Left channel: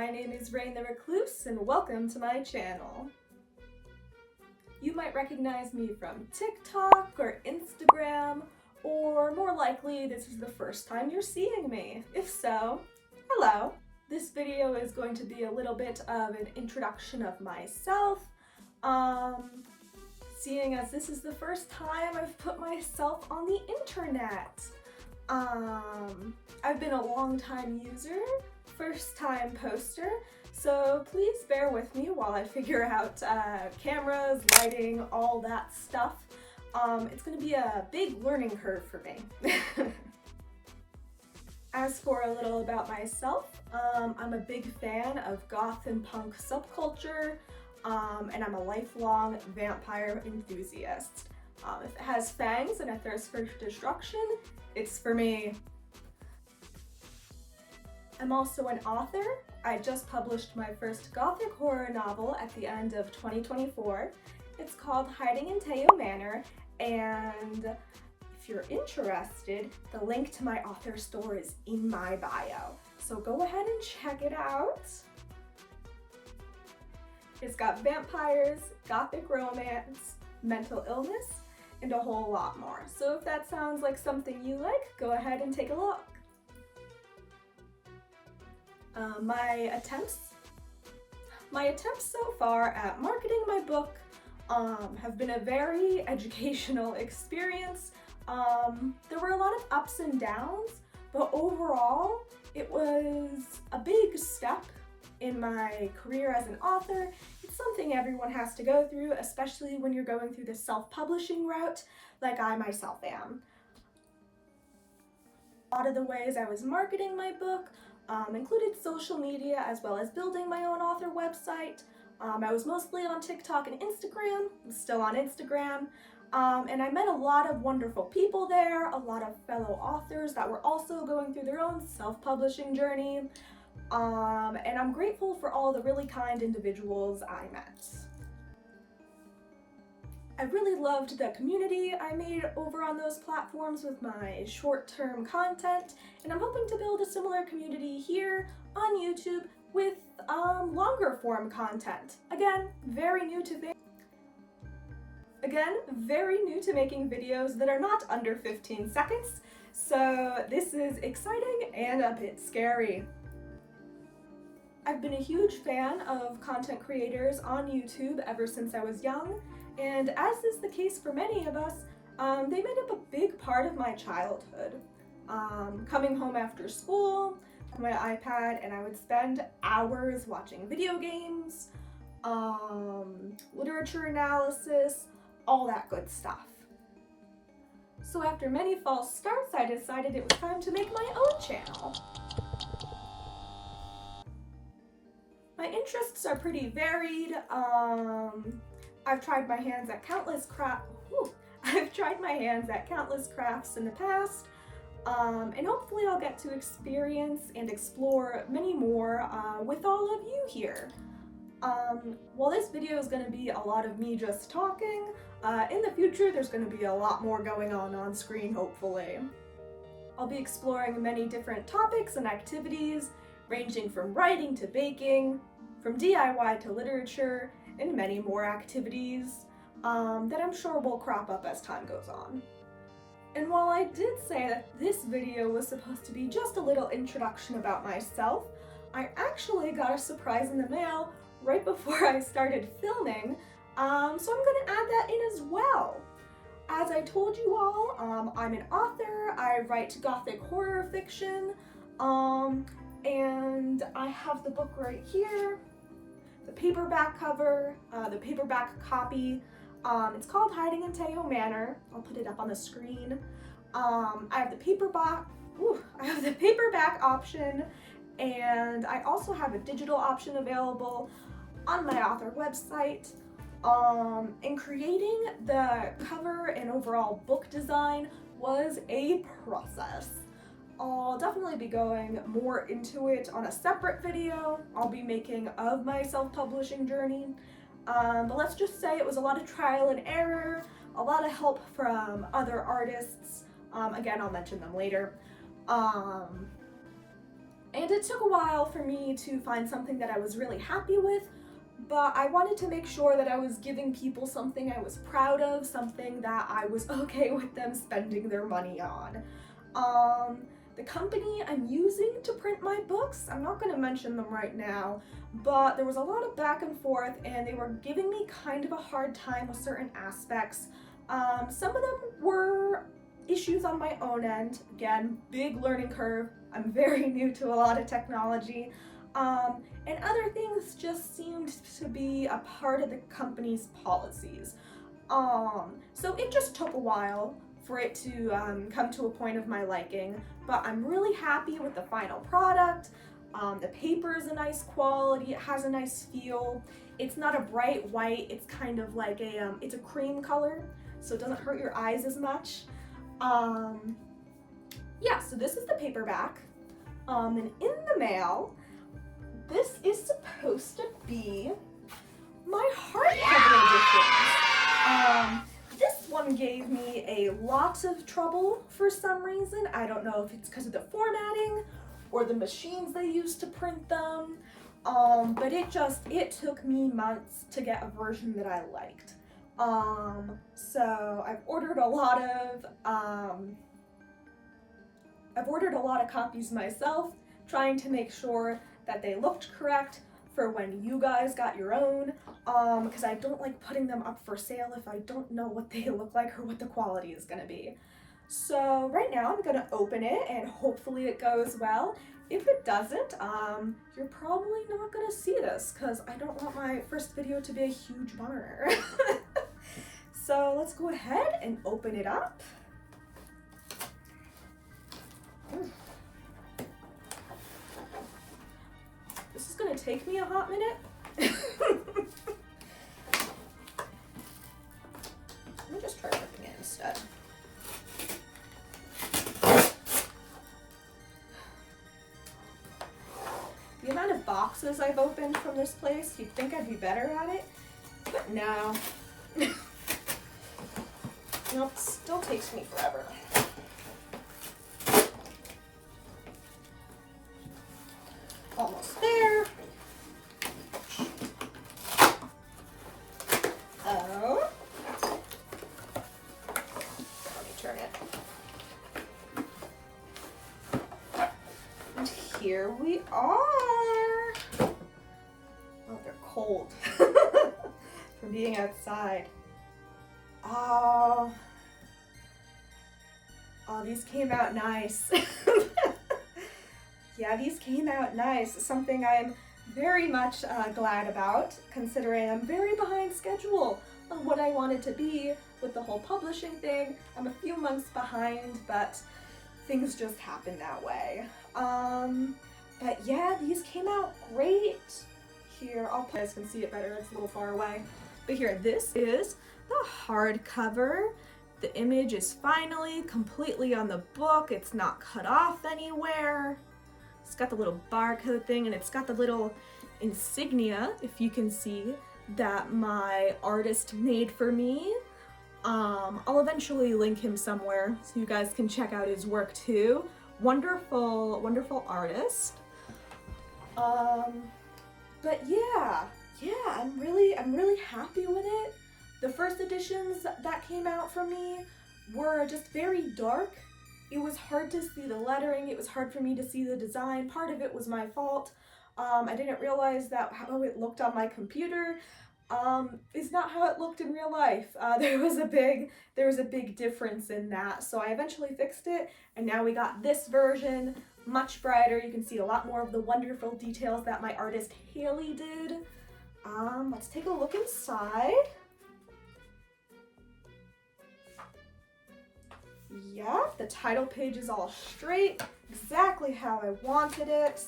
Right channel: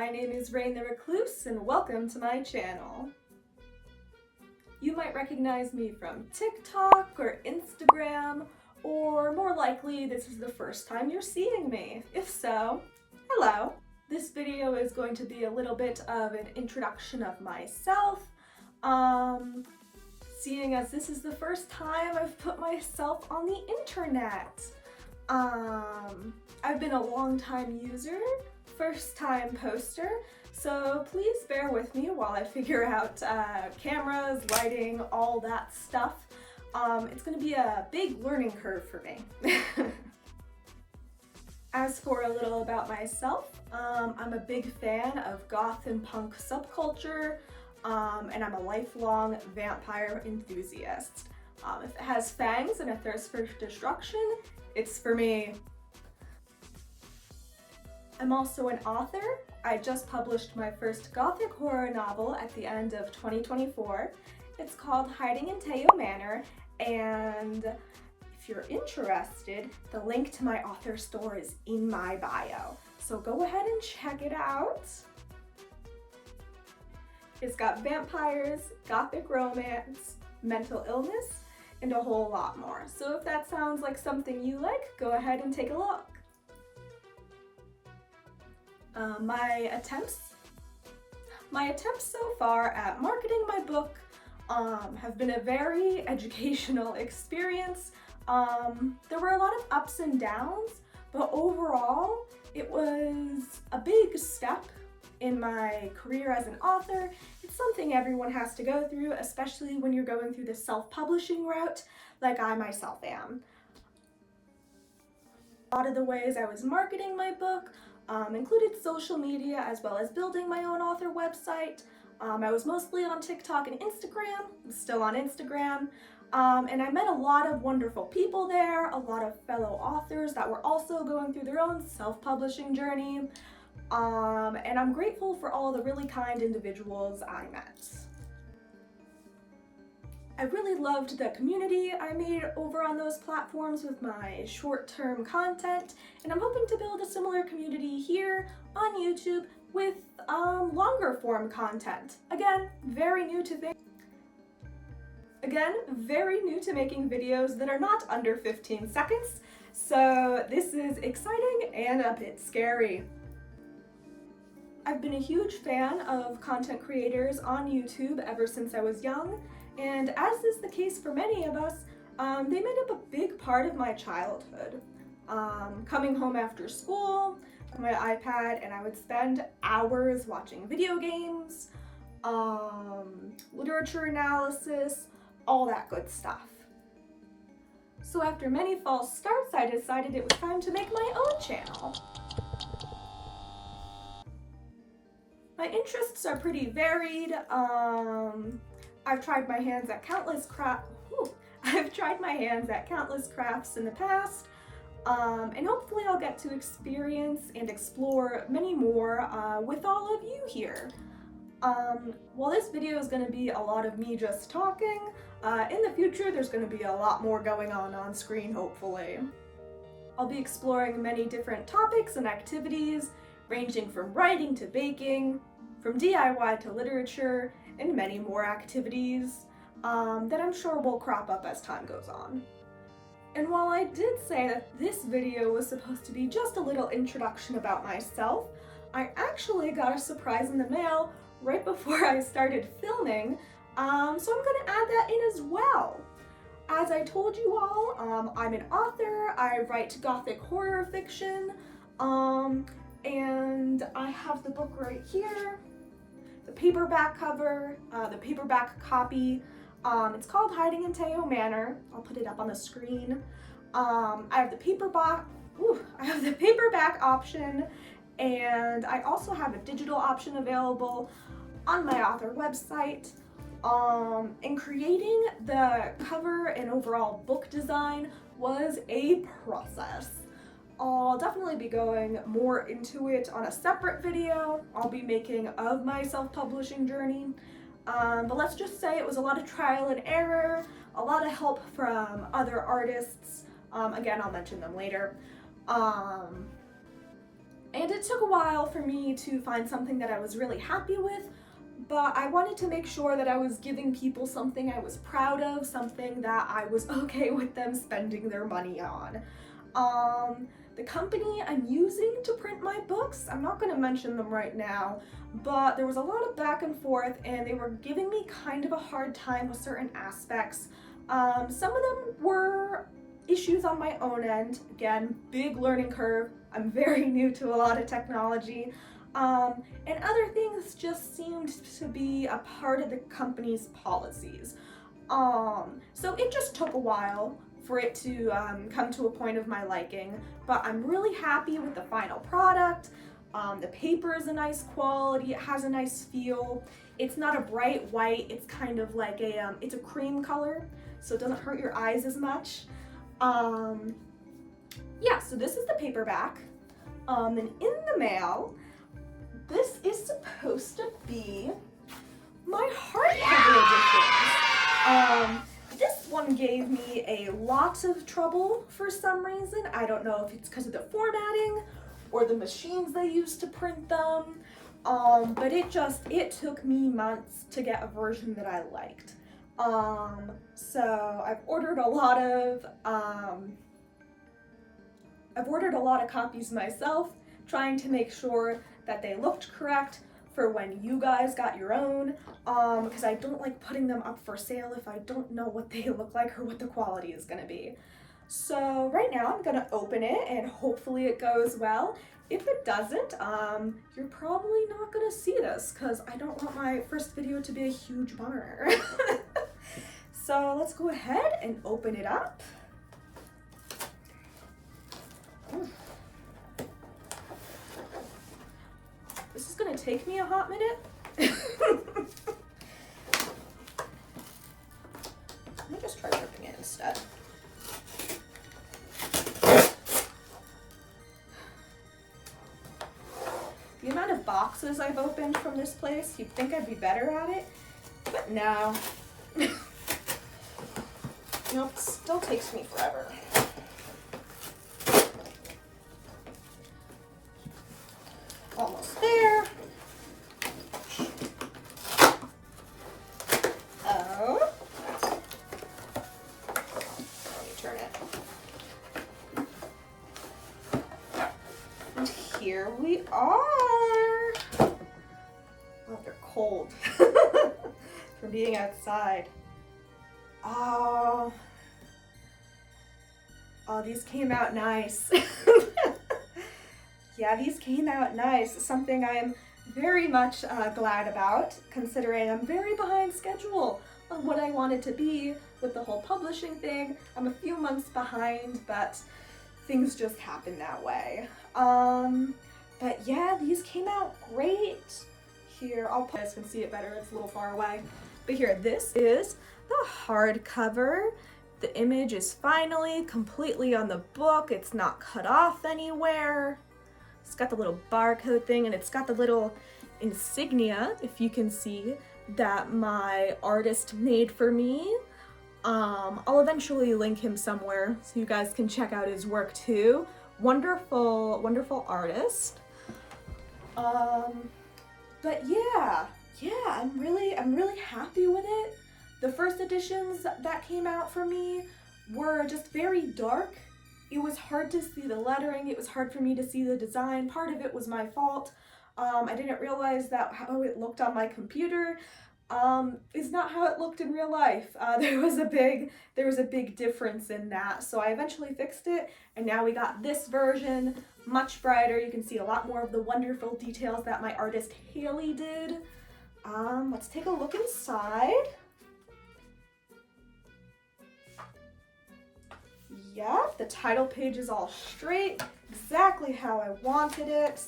My name is Rain the Recluse and welcome to my channel. You might recognize me from TikTok or Instagram, or more likely this is the first time you're seeing me. If so, hello. This video is going to be a little bit of an introduction of myself, seeing as this is the first time I've put myself on the internet. I've been a long-time user, first-time poster, so please bear with me while I figure out cameras, lighting, all that stuff. It's gonna be a big learning curve for me. As for a little about myself, I'm a big fan of goth and punk subculture, and I'm a lifelong vampire enthusiast. If it has fangs and a thirst for destruction, it's for me. I'm also an author. I just published my first Gothic horror novel at the end of 2024. It's called Hiding in Teo Manor, and if you're interested, the link to my author store is in my bio. So go ahead and check it out. It's got vampires, gothic romance, mental illness, and a whole lot more. So if that sounds like something you like, go ahead and take a look. My attempts so far at marketing my book have been a very educational experience. There were a lot of ups and downs, but overall it was a big step in my career as an author. It's something everyone has to go through, especially when you're going through the self-publishing route like I myself am. A lot of the ways I was marketing my book included social media as well as building my own author website. I was mostly on TikTok and Instagram. I'm still on Instagram. And I met a lot of wonderful people there, a lot of fellow authors that were also going through their own self-publishing journey. And I'm grateful for all the really kind individuals I met. I really loved the community I made over on those platforms with my short-term content, and I'm hoping to build a similar community here on YouTube with longer form content. Again, very new to making videos that are not under 15 seconds, so this is exciting and a bit scary. I've been a huge fan of content creators on YouTube ever since I was young, and as is the case for many of us, they made up a big part of my childhood. Coming home after school, my iPad, and I would spend hours watching video games, literature analysis, all that good stuff. So after many false starts, I decided it was time to make my own channel. My interests are pretty varied. I've tried my hands at countless crafts in the past, and hopefully I'll get to experience and explore many more with all of you here. While this video is going to be a lot of me just talking, in the future there's going to be a lot more going on screen, hopefully. I'll be exploring many different topics and activities, ranging from writing to baking, from DIY to literature, and many more activities that I'm sure will crop up as time goes on. And while I did say that this video was supposed to be just a little introduction about myself, I actually got a surprise in the mail right before I started filming, so I'm gonna add that in as well. As I told you all, I'm an author. I write gothic horror fiction, and I have the book right here. The paperback cover, the paperback copy. It's called Hiding in Teo Manor. I'll put it up on the screen. I have the paperback option, and I also have a digital option available on my author website. And creating the cover and overall book design was a process. I'll definitely be going more into it on a separate video I'll be making of my self-publishing journey. But let's just say it was a lot of trial and error, a lot of help from other artists. Again, I'll mention them later. And it took a while for me to find something that I was really happy with, but I wanted to make sure that I was giving people something I was proud of, something that I was okay with them spending their money on. The company I'm using to print my books, I'm not going to mention them right now, but there was a lot of back and forth and they were giving me kind of a hard time with certain aspects. Some of them were issues on my own end. Again, big learning curve. I'm very new to a lot of technology. And other things just seemed to be a part of the company's policies. So it just took a while for it to come to a point of my liking, but I'm really happy with the final product. The paper is a nice quality, it has a nice feel. It's not a bright white, it's kind of like it's a cream color, so it doesn't hurt your eyes as much. Yeah, so this is the paperback. And in the mail, this is supposed to be my hardcover edition. This one gave me a lot of trouble for some reason. I don't know if it's because of the formatting or the machines they used to print them. But it took me months to get a version that I liked. So I've ordered a lot of copies myself, trying to make sure that they looked correct for when you guys got your own, because I don't like putting them up for sale if I don't know what they look like or what the quality is gonna be. So right now I'm gonna open it and hopefully it goes well. If it doesn't, you're probably not gonna see this because I don't want my first video to be a huge bummer. So let's go ahead and open it up. This is gonna take me a hot minute. Let me just try ripping it instead. The amount of boxes I've opened from this place, you'd think I'd be better at it, but no. Nope, still takes me forever. Almost there. Oh. Let me turn it. And here we are. Oh, they're cold from being outside. Oh, these came out nice. Yeah, these came out nice. Something I'm very much glad about, considering I'm very behind schedule on what I want it to be with the whole publishing thing. I'm a few months behind, but things just happen that way. But yeah, these came out great. Here, you guys can see it better, it's a little far away. But here, this is the hardcover. The image is finally completely on the book. It's not cut off anywhere. It's got the little barcode thing and it's got the little insignia, if you can see, that my artist made for me. I'll eventually link him somewhere so you guys can check out his work too. Wonderful, wonderful artist. But yeah, I'm really happy with it. The first editions that came out for me were just very dark. It was hard to see the lettering, it was hard for me to see the design. Part of it was my fault. I didn't realize that how it looked on my computer is not how it looked in real life. There was a big difference in that. So I eventually fixed it, and now we got this version, much brighter. You can see a lot more of the wonderful details that my artist Haley did. Let's take a look inside. Yep, the title page is all straight, exactly how I wanted it.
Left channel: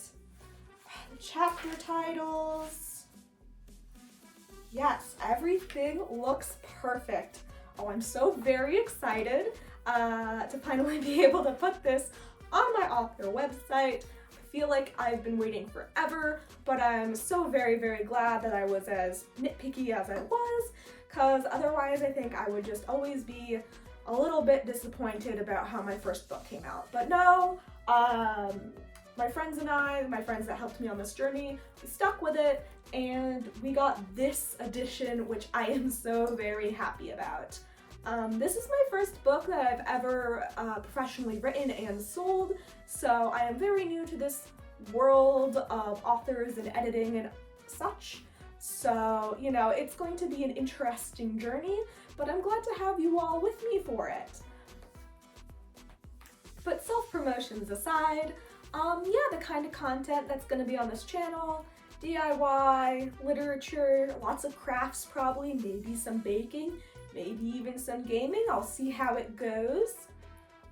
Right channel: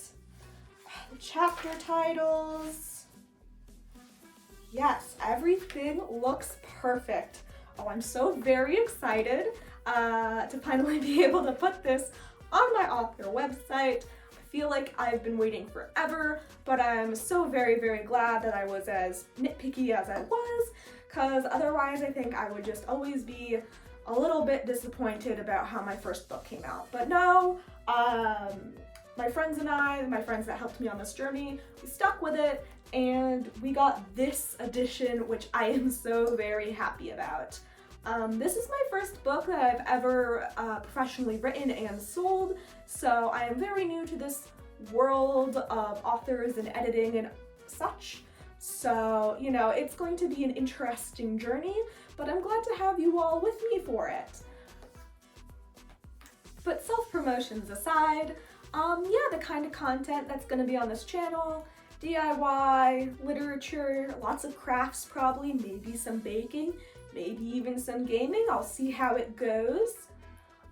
The chapter titles. Yes, everything looks perfect. Oh, I'm so very excited to finally be able to put this on my author website. I feel like I've been waiting forever, but I'm so very, very glad that I was as nitpicky as I was, because otherwise I think I would just always be a little bit disappointed about how my first book came out. But no, my my friends and I, my friends that helped me on this journey, we stuck with it and we got this edition, which I am so very happy about. This is my first book that I've ever professionally written and sold, so I am very new to this world of authors and editing and such. So, you know, it's going to be an interesting journey, but I'm glad to have you all with me for it. But self-promotions aside, yeah, the kind of content that's going to be on this channel, DIY, literature, lots of crafts probably, maybe some baking, maybe even some gaming. I'll see how it goes.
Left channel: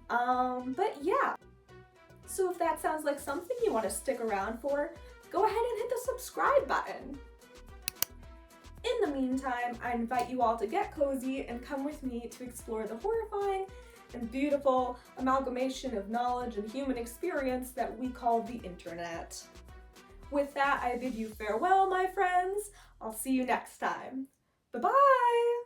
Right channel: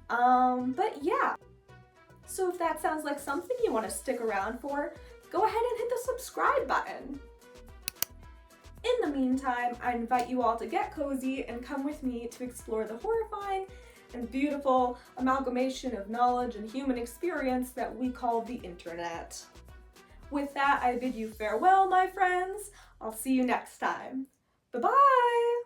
But yeah. So if that sounds like something you want to stick around for, go ahead and hit the subscribe button. In the meantime, I invite you all to get cozy and come with me to explore the horrifying and beautiful amalgamation of knowledge and human experience that we call the internet. With that, I bid you farewell, my friends. I'll see you next time. Bye-bye!